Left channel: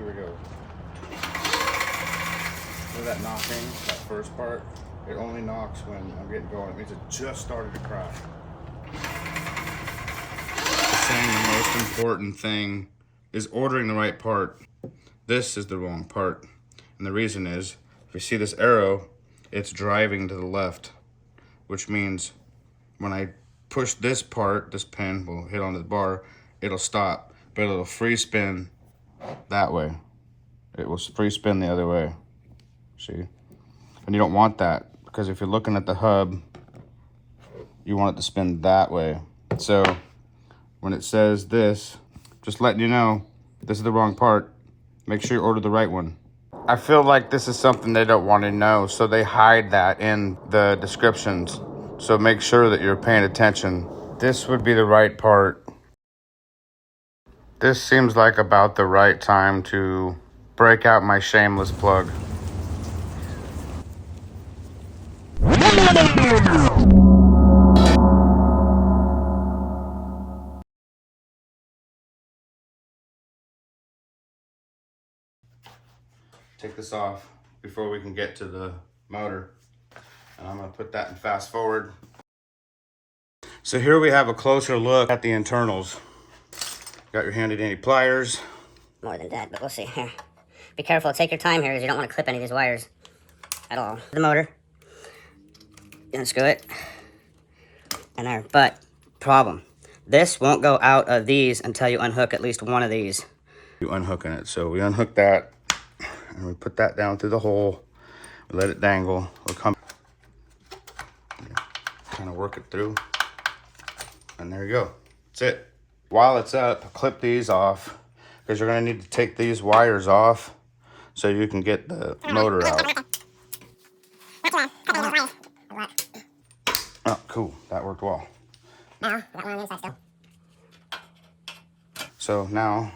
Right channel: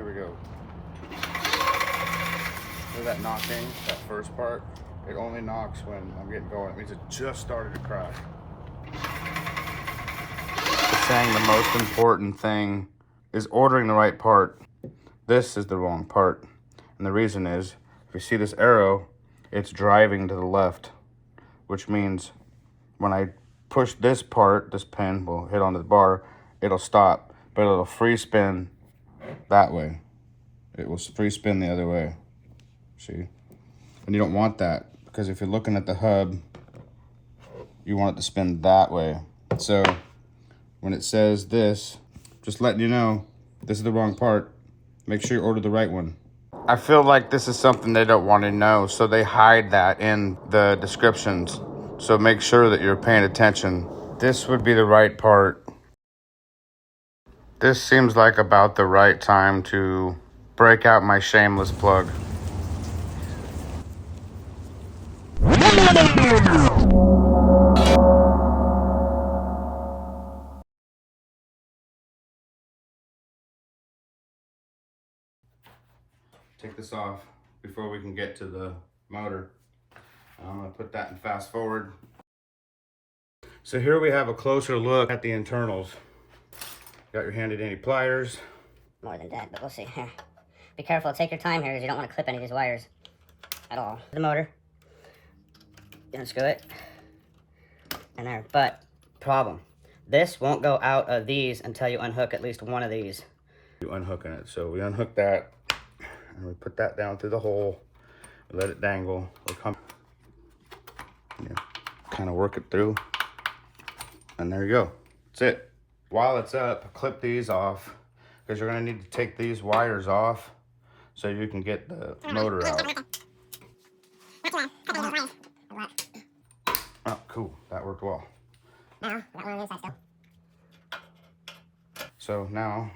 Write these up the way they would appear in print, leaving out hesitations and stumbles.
Here we go. Hear that knocking, that first part? It only knocks when I'm getting going. It means it just started to crack. It's saying the most important thing is ordering the right part. This is the wrong part. And the reason is, if you see this arrow, it's driving to the left, which means when I push this part, this pin will hit onto the bar, it'll stop, but it'll free spin that way. It will free spin the other way. See? And you don't want that, because if you're looking at the hub, you want it to spin that way. So when it says this, just letting you know, this is the wrong part. Make sure you order the right one. I feel like this is something they don't want to know, so they hide that in the descriptions. So make sure that you're paying attention. This would be the right part. This seems like about the right time to break out my shameless plug. Take this off before we can get to the motor. And I'm gonna put that in fast forward. So here we have a closer look at the internals. Got your handy dandy pliers. More than that, but we'll see here. Be careful, take your time here because you don't want to clip any of these wires at all. The motor. Unscrew it. And there, but problem. This won't go out of these until you unhook at least one of these. You unhooking it. So we unhook that and we put that down through the hole. We let it dangle. We'll come kind of work it through. And there you go. That's it. While it's up, clip these off because you're gonna need to take these wires off so you can get the motor out. Oh, cool. That worked well. So now,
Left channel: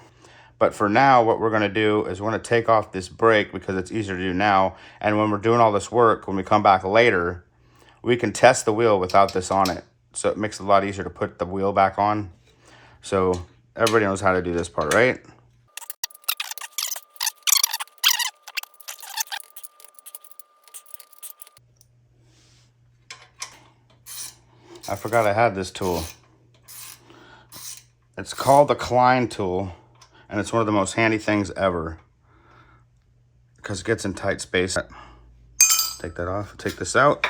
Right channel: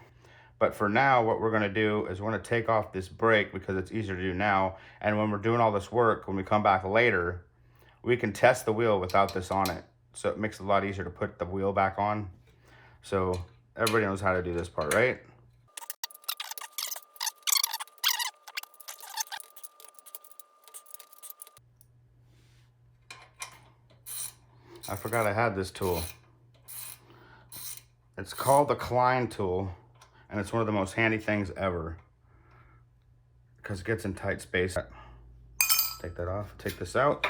but for now, what we're gonna do is we're gonna take off this brake because it's easier to do now. And when we're doing all this work, when we come back later, we can test the wheel without this on it. So it makes it a lot easier to put the wheel back on. So everybody knows how to do this part, right? I forgot I had this tool. It's called the Klein tool, and it's one of the most handy things ever because it gets in tight space. Take that off, take this out.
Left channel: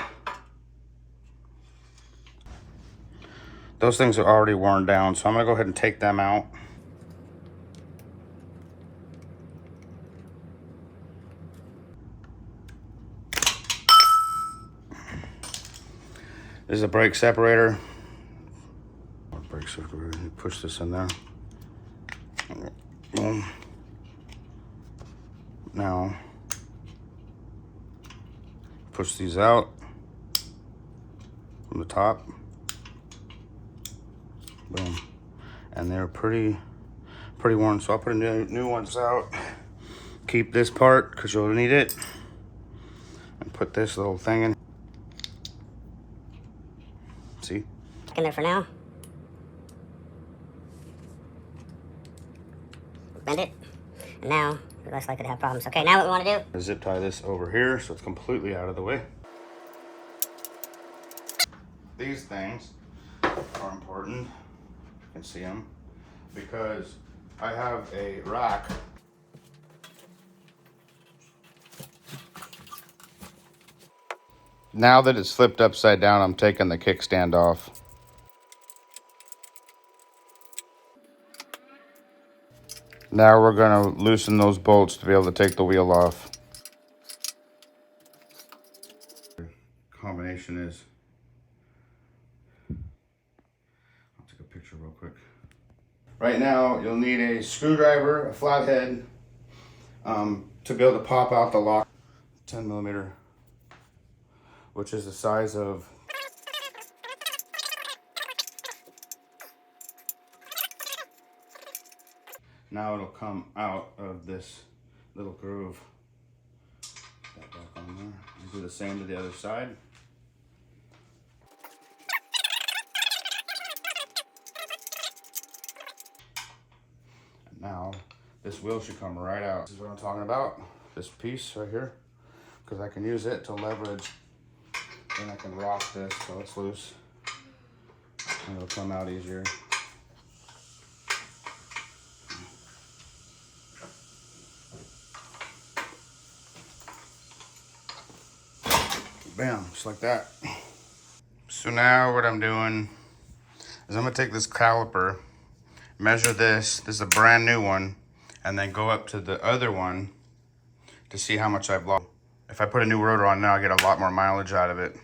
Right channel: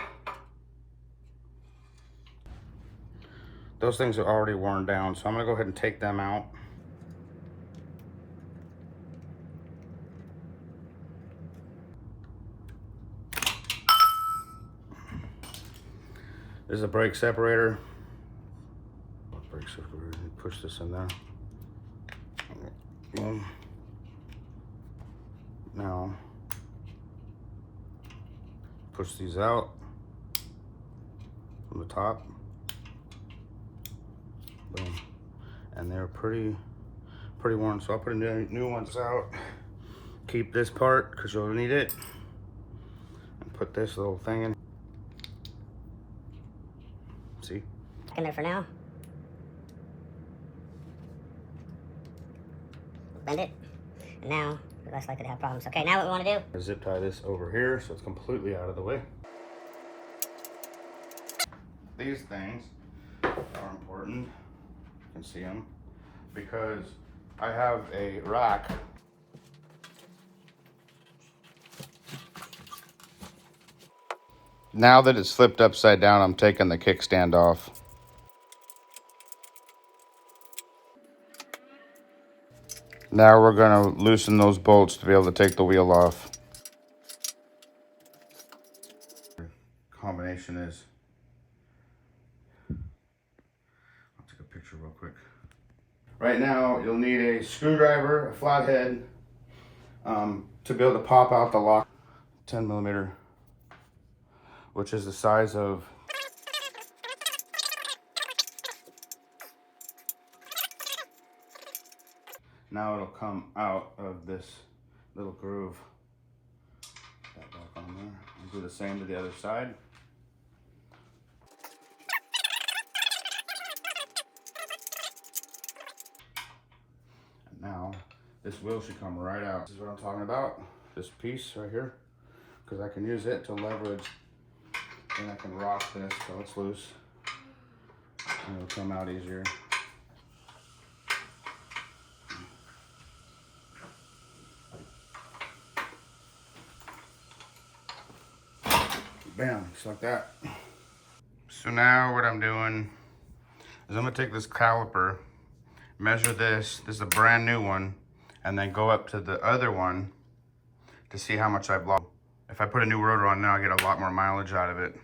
Those things are already worn down, so I'm gonna go ahead and take them out. This is a brake separator. Brake separator, push this in there. Boom. Now, push these out from the top. Boom. And they're pretty worn, so I'll put a new ones out. Keep this part because you'll need it. And put this little thing in. See? In there for now. Bend it. And now, you're less likely to have problems. Okay, now what we want to do? Zip tie this over here so it's completely out of the way. These things are important. You can see them because I have a rack. Now that it's flipped upside down, I'm taking the kickstand off. Now we're gonna loosen those bolts to be able to take the wheel off. The combination is, I'll take a picture real quick. Right now, you'll need a screwdriver, a flathead, to be able to pop out the lock. 10 millimeter, which is the size of now it'll come out of this little groove. Put that back on there. I'll do the same to the other side. And now this wheel should come right out. This is what I'm talking about, this piece right here, because I can use it to leverage, and I can rock this so it's loose, and it'll come out easier. Bam, just like that. So now what I'm doing is I'm gonna take this caliper, measure this is a brand new one, and then go up to the other one to see how much I've lost. If I put a new rotor on now, I get a lot more mileage out of it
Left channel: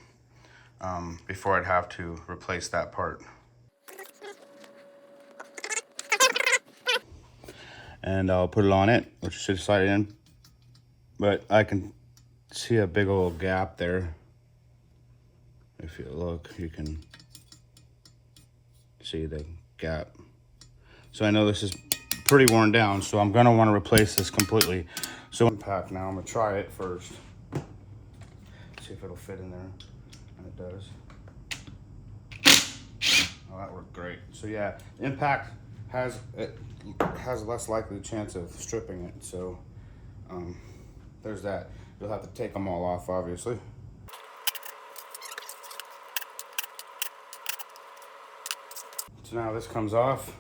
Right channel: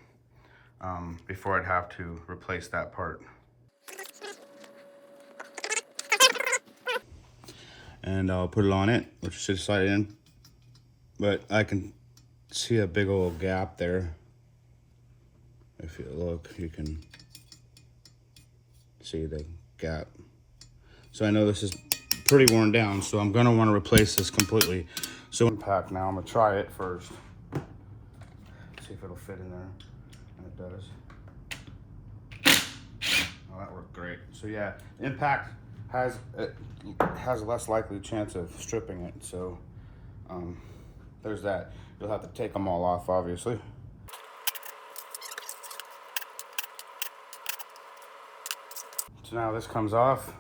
before I'd have to replace that part. And I'll put it on it, which should slide in, but I can see a big old gap there. If you look, you can see the gap. So I know this is pretty worn down, so I'm gonna wanna replace this completely. So impact now, I'm gonna try it first. See if it'll fit in there, and it does. Oh, that worked great. So yeah, impact has less likely chance of stripping it, so there's that. You'll have to take them all off, obviously. So now this comes off.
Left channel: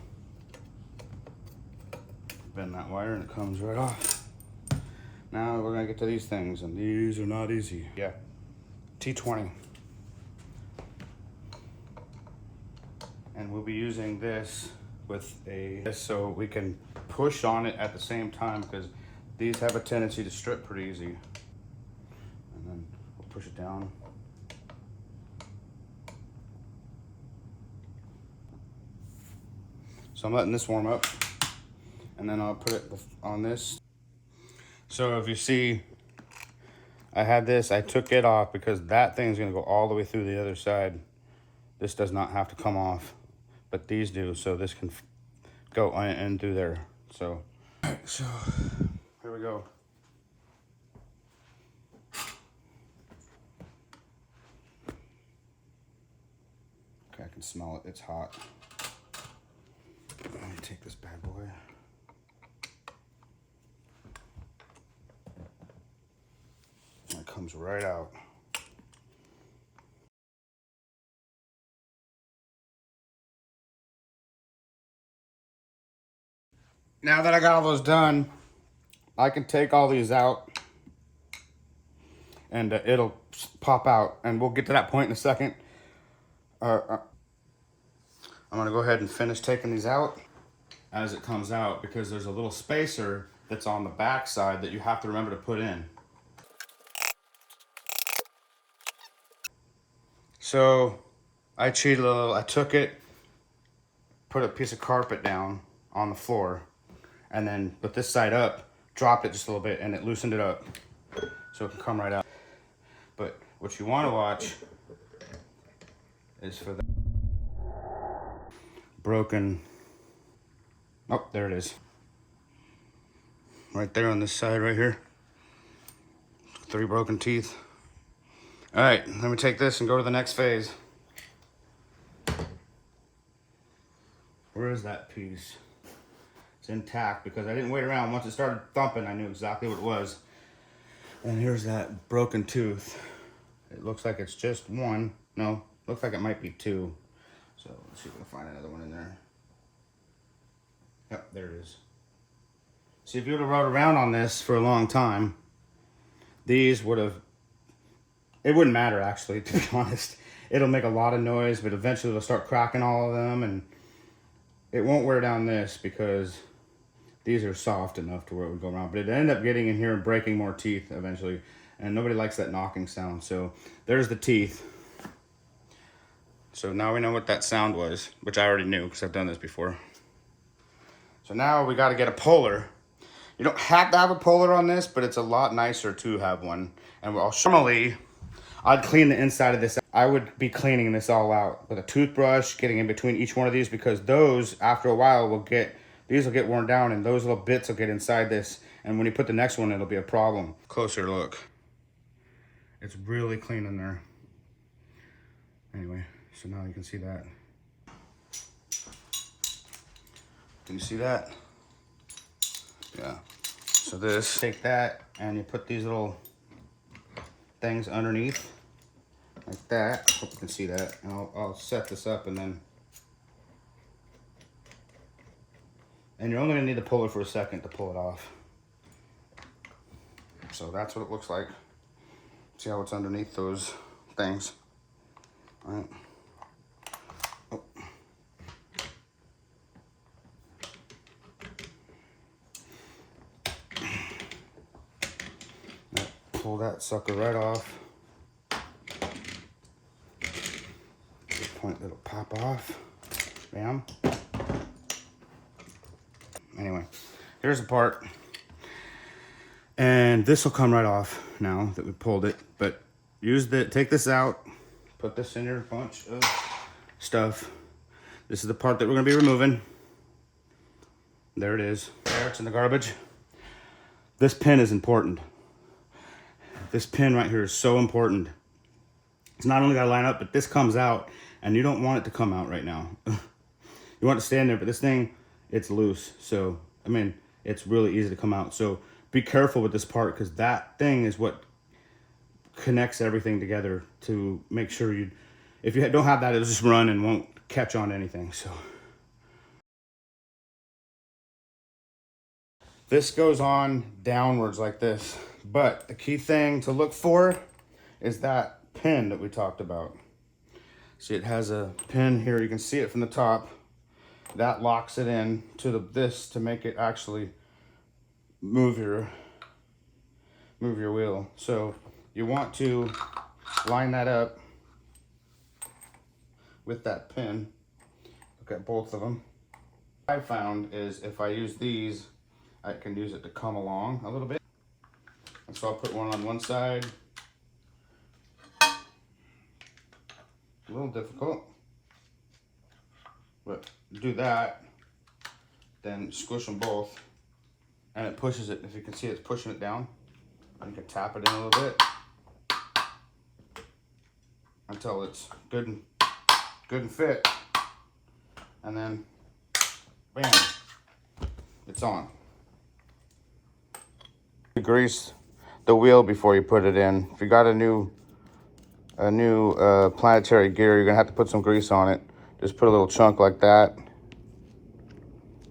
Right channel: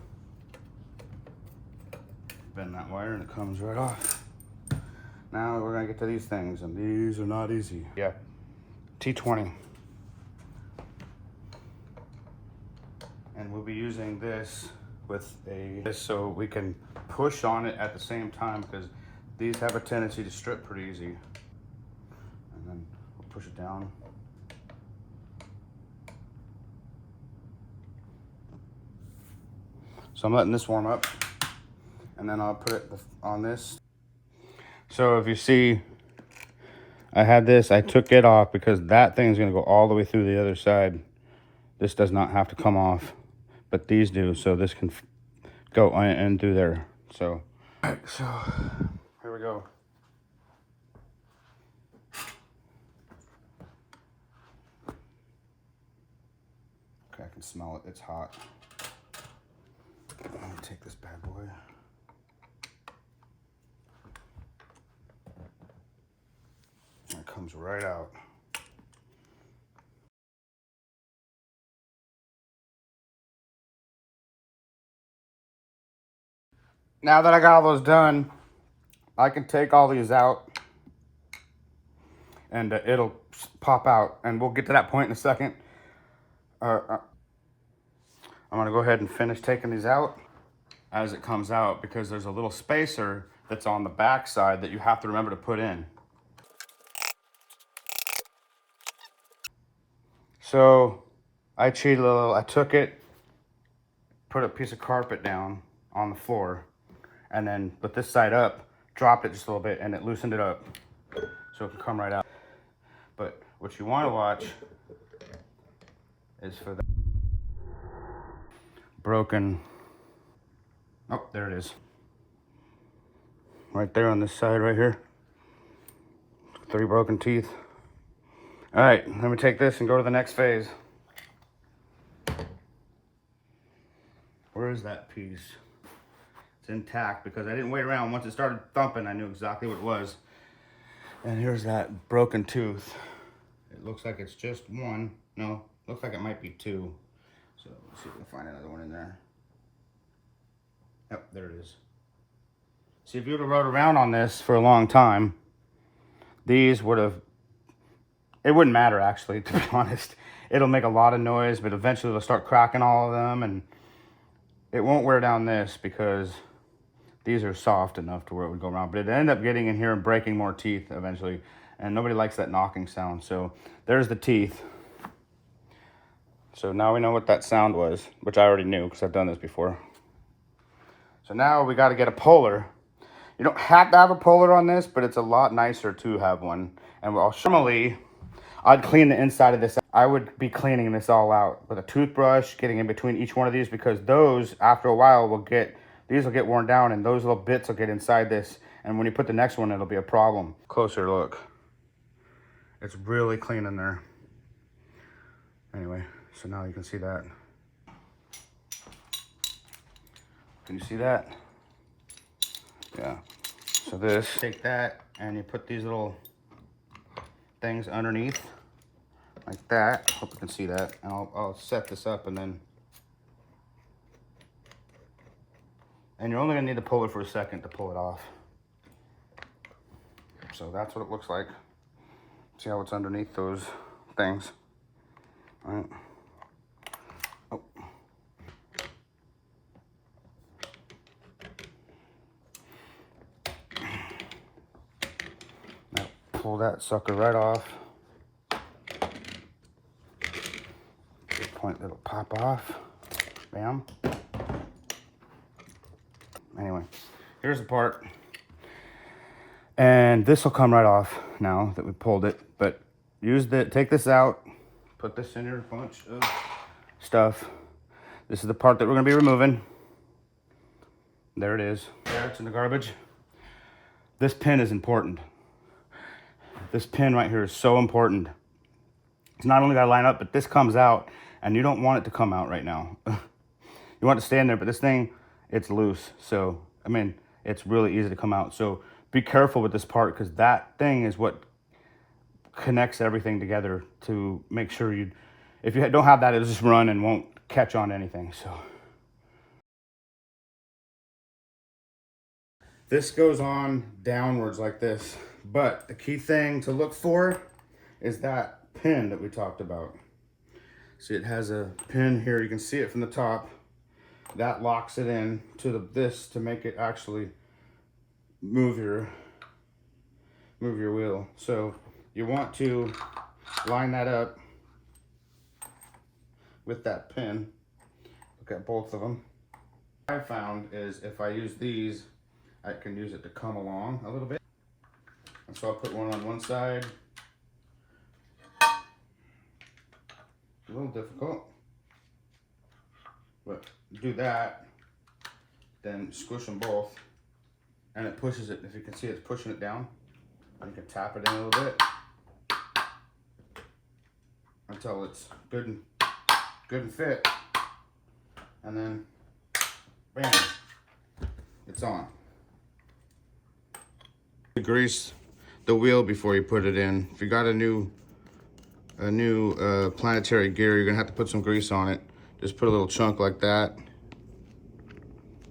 Bend that wire and it comes right off. Now we're gonna get to these things, and these are not easy. Yeah, T20. And we'll be using this with so we can push on it at the same time, because these have a tendency to strip pretty easy. And then we'll push it down. So I'm letting this warm up, and then I'll put it on this. So if you see, I had this, I took it off because that thing's gonna go all the way through the other side. This does not have to come off, but these do, so this can go in through there. So, all right, so here we go. Okay, I can smell it, it's hot. Let me take this bad boy. It comes right out. Now that I got all those done, I can take all these out, and it'll pop out, and we'll get to that point in a second. I'm gonna go ahead and finish taking these out as it comes out, because there's a little spacer that's on the back side that you have to remember to put in. So I cheated a little. I took it, put a piece of carpet down on the floor, and then put this side up, dropped it just a little bit, and it loosened it up so it can come right out. But what you want to watch is for the broken, oh, there it is. Right there on this side right here. 3 broken teeth. All right, let me take this and go to the next phase. Where is that piece? It's intact because I didn't wait around. Once it started thumping, I knew exactly what it was. And here's that broken tooth. It looks like it's just one. No, looks like it might be 2. So let's see if we can find another one in there. Yep, there it is. See, if you would have rode around on this for a long time, these would have, it wouldn't matter actually, to be honest. It'll make a lot of noise, but eventually it'll start cracking all of them, and it won't wear down this because these are soft enough to where it would go around. But it ended up getting in here and breaking more teeth eventually, and nobody likes that knocking sound. So there's the teeth. So now we know what that sound was, which I already knew because I've done this before. So now we got to get a puller. You don't have to have a puller on this, but it's a lot nicer to have one. And normally, I'd clean the inside of this. I would be cleaning this all out with a toothbrush, getting in between each one of these, because those, after a while, these will get worn down, and those little bits will get inside this. And when you put the next one, it'll be a problem. Closer look. It's really clean in there. Anyway, so now you can see that. Can you see that? Yeah. So this, take that and you put these little things underneath like that. Hope you can see that. And I'll set this up and then, and you're only gonna need to pull it for a second to pull it off. So that's what it looks like. See how it's underneath those things. All right. Oh. Now pull that sucker right off. Good point, it'll pop off. Bam. Anyway, here's the part. And this will come right off now that we pulled it. But take this out, put this in your bunch of stuff. This is the part that we're gonna be removing. There it is. There, it's in the garbage. This pin is important. This pin right here is so important. It's not only gotta line up, but this comes out, and you don't want it to come out right now. You want it to stay in there, but this thing, it's loose. So, I mean, it's really easy to come out. So be careful with this part, because that thing is what connects everything together to make sure if you don't have that, it'll just run and won't catch on to anything. So this goes on downwards like this, but the key thing to look for is that pin that we talked about. See, it has a pin here. You can see it from the top. That locks it in to this to make it actually move your wheel. So you want to line that up with that pin. Look at both of them. What I found is if I use these, I can use it to come along a little bit. And so I'll put one on one side. A little difficult, but do that, then squish them both, and it pushes it. If you can see, it's pushing it down. You can tap it in a little bit until it's good and fit, and then bam, it's on. Grease the wheel before you put it in. If you got a new planetary gear, you're gonna have to put some grease on it. Just put a little chunk like that.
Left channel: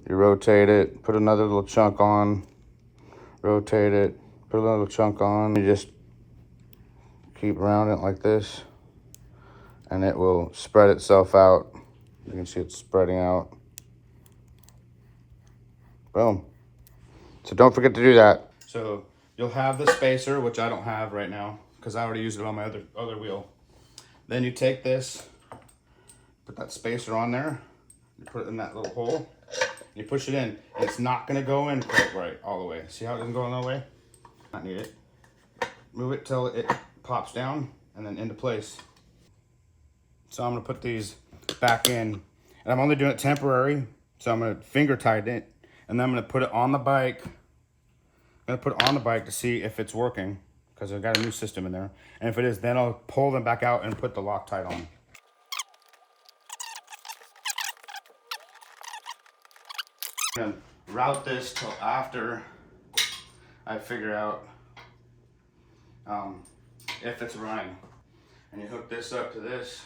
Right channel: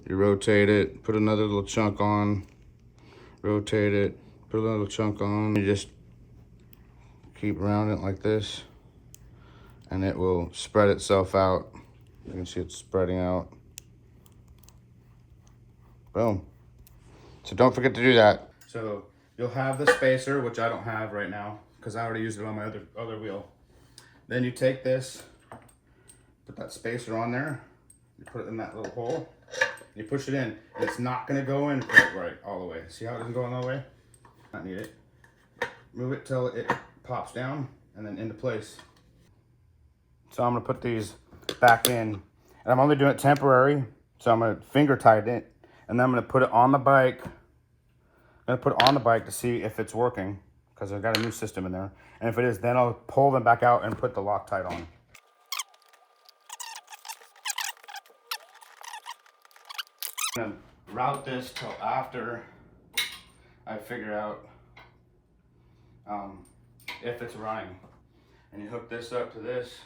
You rotate it, put another little chunk on, rotate it, put a little chunk on. You just keep around it like this, and it will spread itself out. You can see it's spreading out. Boom. So don't forget to do that. So you'll have the spacer, which I don't have right now because I already used it on my other wheel. Then you take this, put that spacer on there, you put it in that little hole, you push it in. It's not gonna go in quite right all the way. See how it doesn't go all the way? Not need it. Move it till it pops down and then into place. So I'm gonna put these back in, and I'm only doing it temporary. So I'm gonna finger tighten it, and then I'm gonna put it on the bike. I'm gonna put it on the bike to see if it's working, because I've got a new system in there. And if it is, then I'll pull them back out and put the Loctite on. And route this till after I figure out if it's running. And you hook this up to this.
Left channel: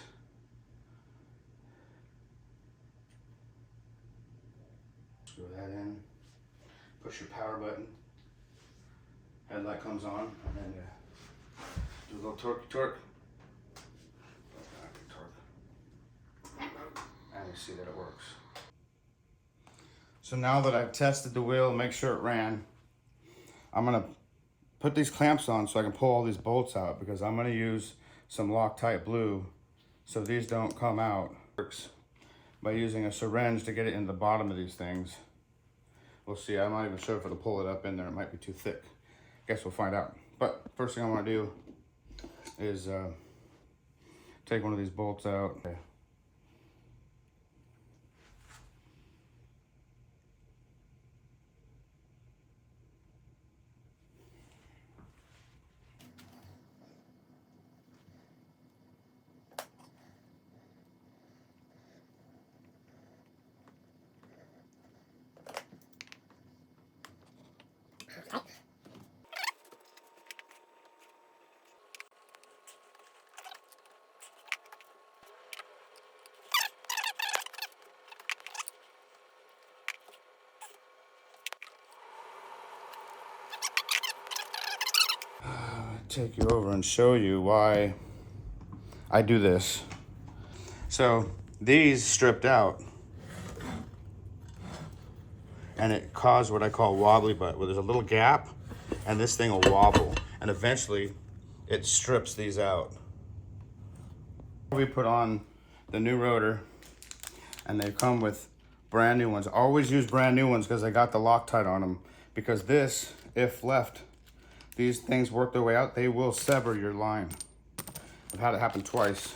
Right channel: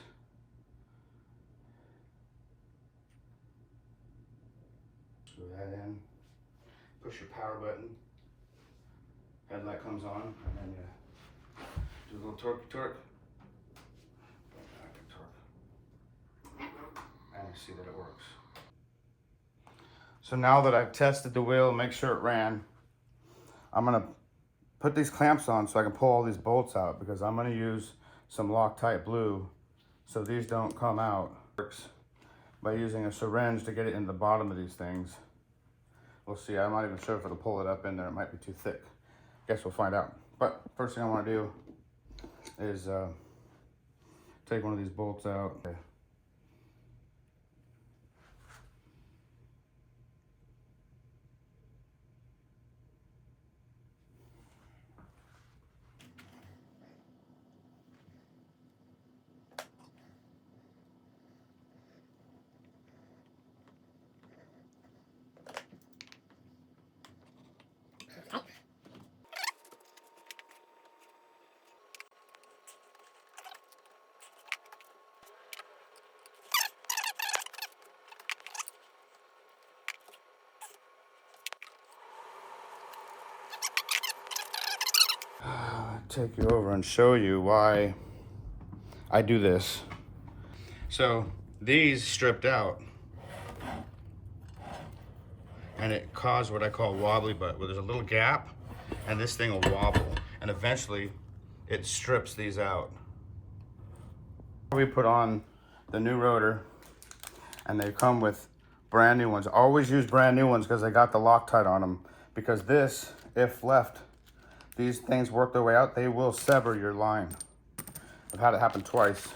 Screw that in. Push your power button. Headlight comes on, and then do a little torque. And you see that it works. So now that I've tested the wheel, make sure it ran, I'm gonna put these clamps on so I can pull all these bolts out, because I'm gonna use some Loctite blue so these don't come out. Works by using a syringe to get it in the bottom of these things. We'll see. I'm not even sure if it'll pull it up in there. It might be too thick. Guess we'll find out. But first thing I want to do is take one of these bolts out. Okay. take you over and show you why I do this. So these stripped out, and it caused what I call wobbly butt, where there's a little gap and this thing will wobble, and eventually it strips these out. We put on the new rotor, and they come with brand new ones. Always use brand new ones because they got the Loctite on them, because this, if left, these things work their way out, they will sever your line. I've had it happen twice.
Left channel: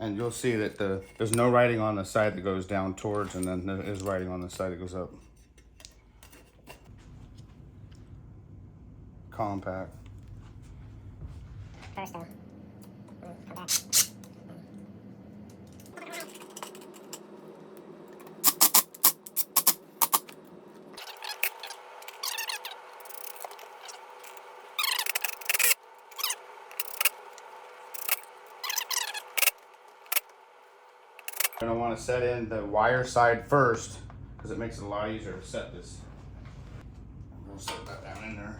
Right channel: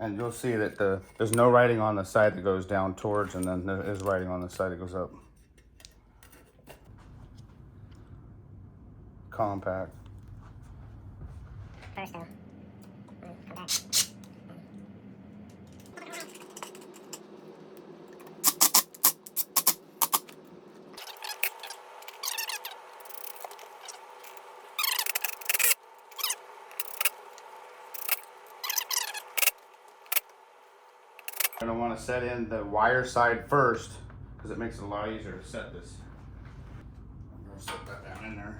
And you'll see that there's no writing on the side that goes down towards, and then there is writing on the side that goes up. Compact. First though. Come back. You're gonna want to set in the wire side first, because it makes it a lot easier to set this. I'm gonna set that down in there.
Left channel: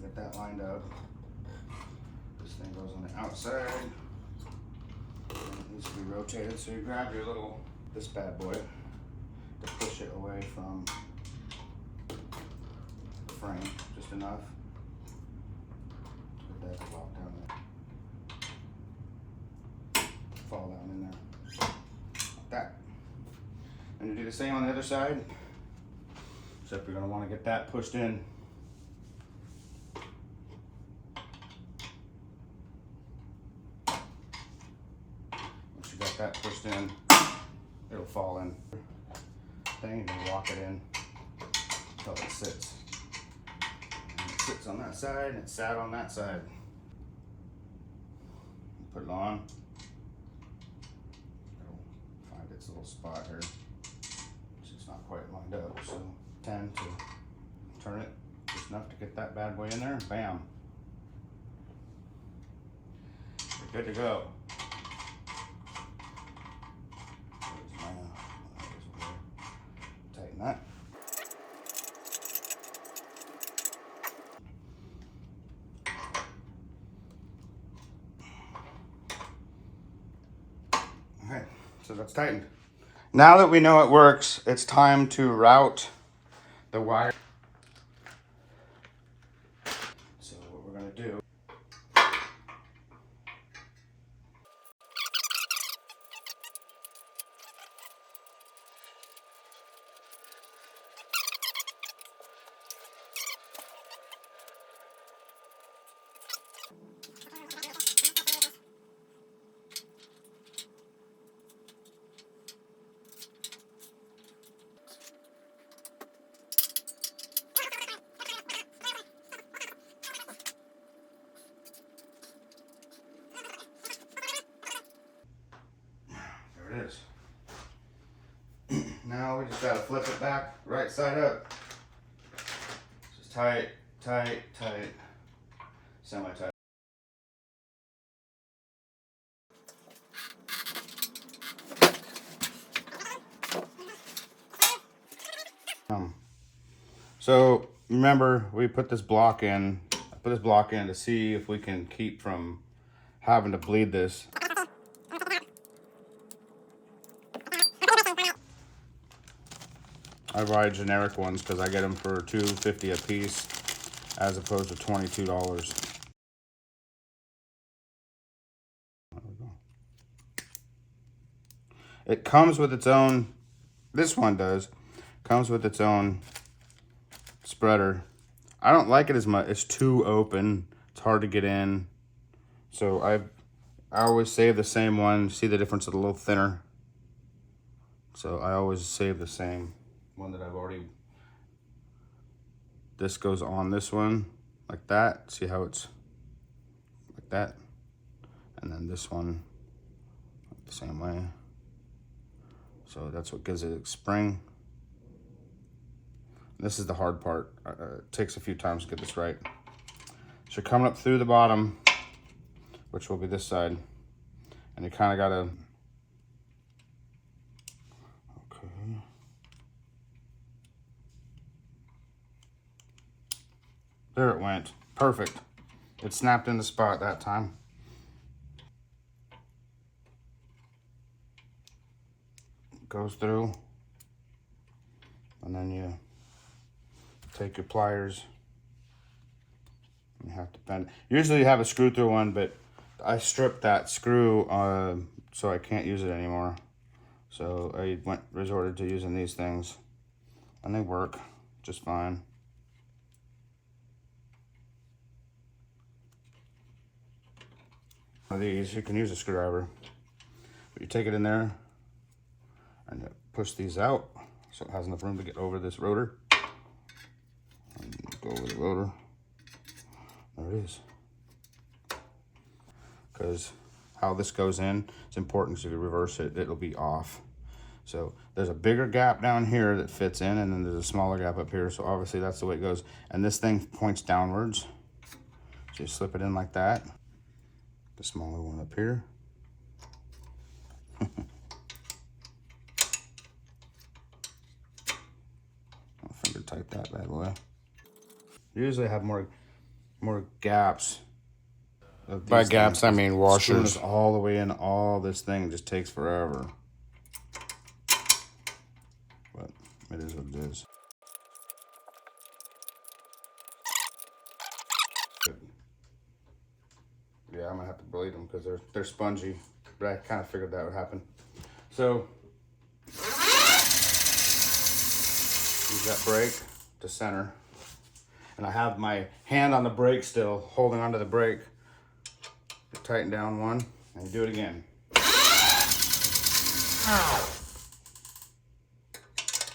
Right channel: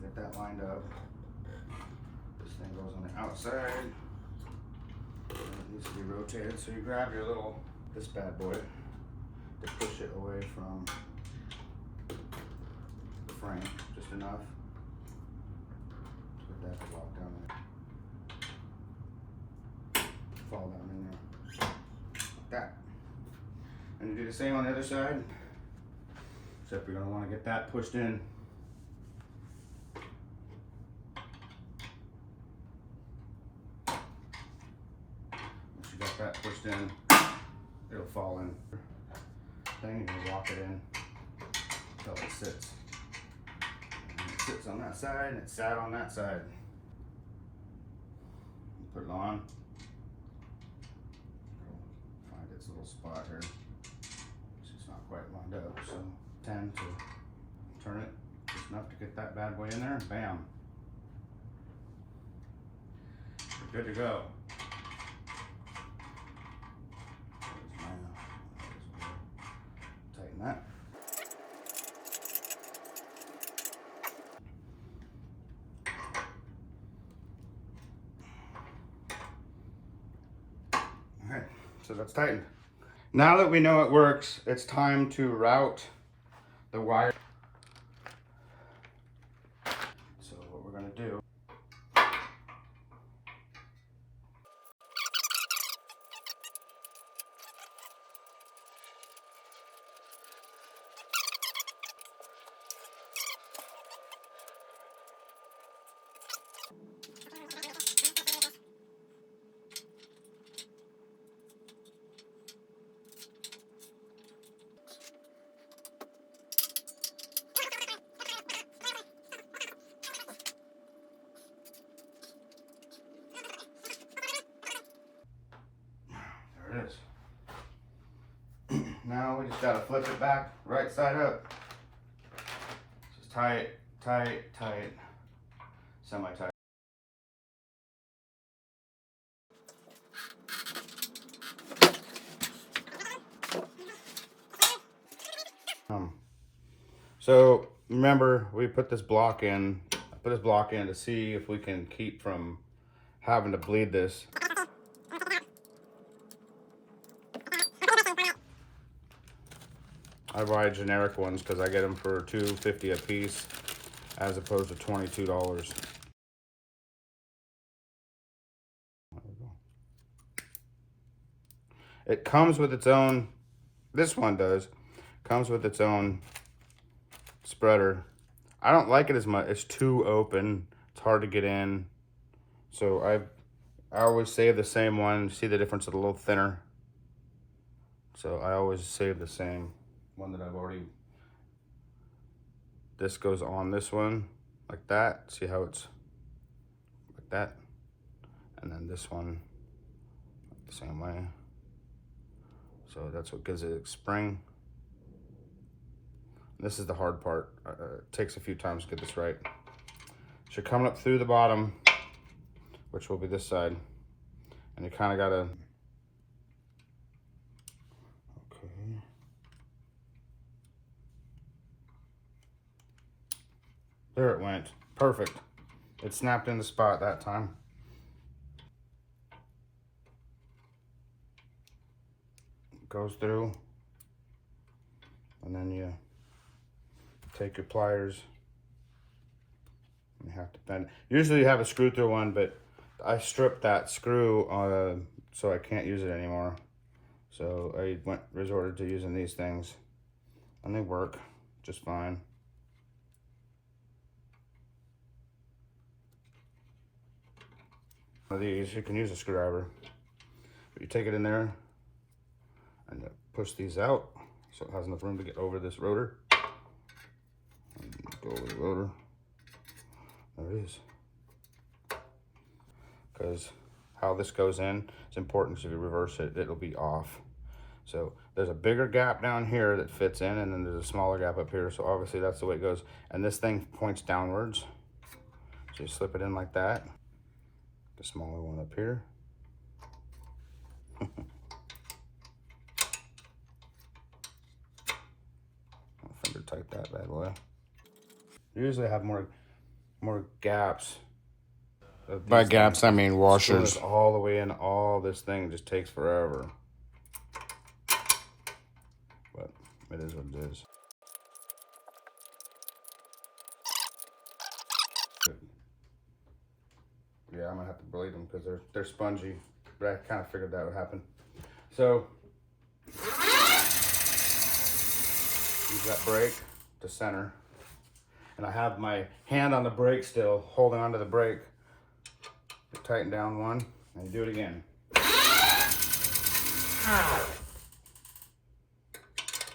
Get that lined up. This thing goes on the outside. And it needs to be rotated, so you grab your this bad boy to push it away from the frame, just enough. Get that locked down there. Fall down in there. Like that. And you do the same on the other side, except you're going to want to get that pushed in. Once you got that pushed in, it'll fall in. Thing, you can lock it in until it sits. And it sits on that side, and it sat on that side. Put it on. Find its little spot here. It's not quite lined up, so tend to turn it just enough to get that bad boy in there, and bam. You're good to go. Tighten that. Alright, so that's tightened. Now that we know it works, it's time to route the wire. So what we're going to do, there it is. Now we just got to flip it back right side up. Just tight, tight, tight, semi-tight. So remember, we put this block in. I put this block in to see if we can keep from having to bleed this. I buy generic ones because I get them for $2.50 a piece, as opposed to $22. It comes with its own. This one does. Comes with its own spreader. I don't like it as much. It's too open. It's hard to get in. So I always save the same one. See the difference? It's a little thinner. So I always save the same one that I've already. This goes on this one like that. See how it's like that? And then this one the same way. So that's what gives it spring. This is the hard part. It takes a few times to get this right. So you're coming up through the bottom, which will be this side. And you kind of gotta, okay. There it went. Perfect. It snapped in the spot that time. Goes through, and then you take your pliers. You have to bend. Usually you have a screw through one, but I stripped that screw so I can't use it anymore. So I resorted to using these things, and they work just fine. One of these, you can use a screwdriver, but you take it in there and you push these out so it has enough room to get over this rotor. And go over the rotor. There it is. Because how this goes in, it's important. So if you reverse it, it'll be off. So there's a bigger gap down here that fits in, and then there's a smaller gap up here. So obviously that's the way it goes. And this thing points downwards. So you slip it in like that. The smaller one up here. Finger tight that bad boy. Usually I have more gaps. By gaps I mean washers. All the way in, all this thing just takes forever. But it is what it is. Yeah, I'm gonna have to bleed them because they're spongy. But I kind of figured that would happen. So use that brake to center. And I have my hand on the brake still, holding onto the brake. You tighten down one, and you do it again.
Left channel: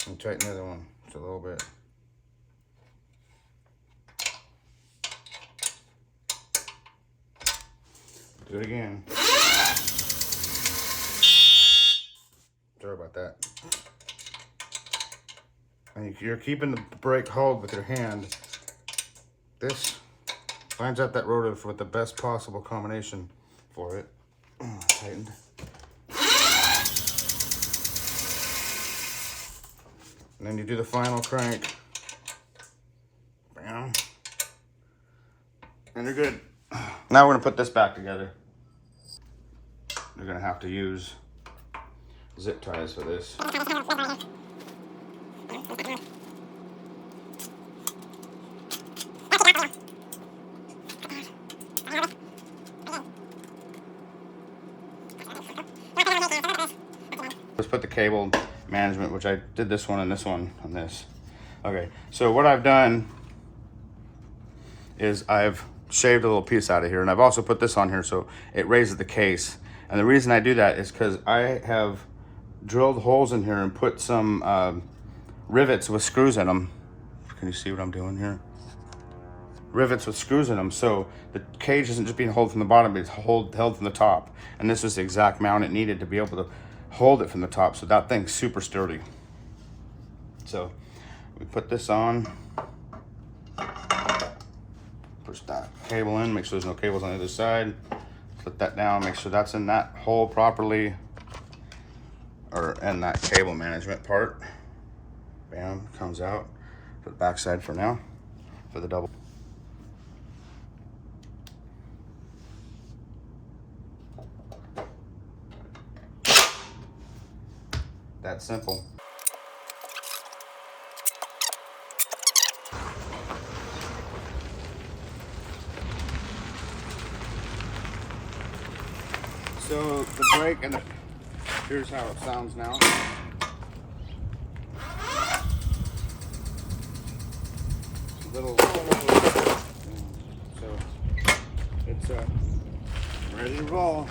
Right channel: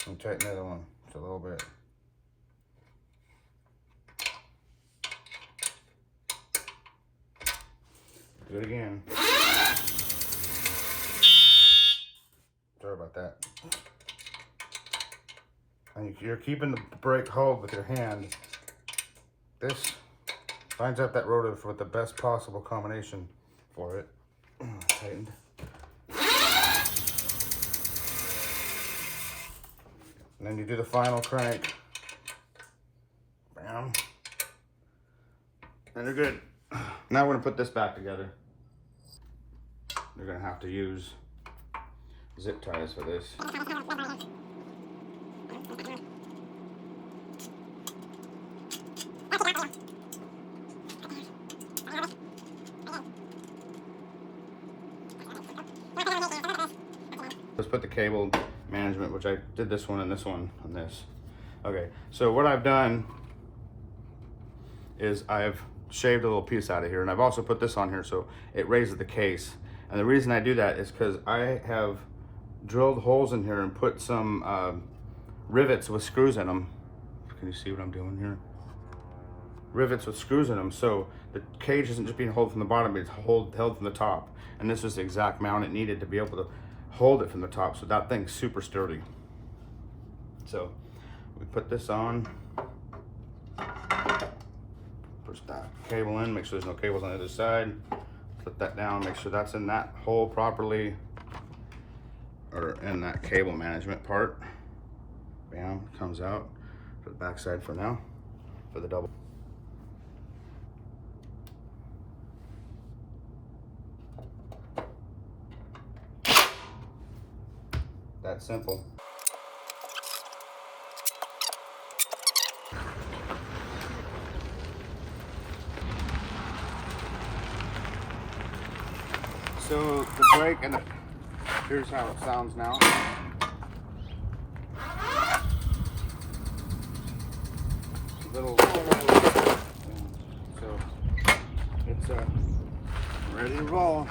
And tighten the other one just a little bit. Do it again. Sorry about that. And you're keeping the brake hold with your hand. This lines up that rotor with the best possible combination for it. Tightened. And then you do the final crank. Bam. And you're good. Now we're gonna put this back together. You're gonna have to use zip ties for this. Let's put the cable management, which I did this one and this one on this. Okay, so what I've done is I've shaved a little piece out of here, and I've also put this on here so it raises the case. And the reason I do that is because I have drilled holes in here and put some rivets with screws in them. Can you see what I'm doing here? Rivets with screws in them, so the cage isn't just being held from the bottom, but it's held from the top. And this is the exact mount it needed to be able to hold it from the top, so that thing's super sturdy. So we put this on, push that cable in, make sure there's no cables on the other side, put that down, make sure that's in that hole properly, or in that cable management part. Bam, comes out. For the back side for now, for the double. That simple. So the brake and here's how it sounds now. Little, so it's ready to roll.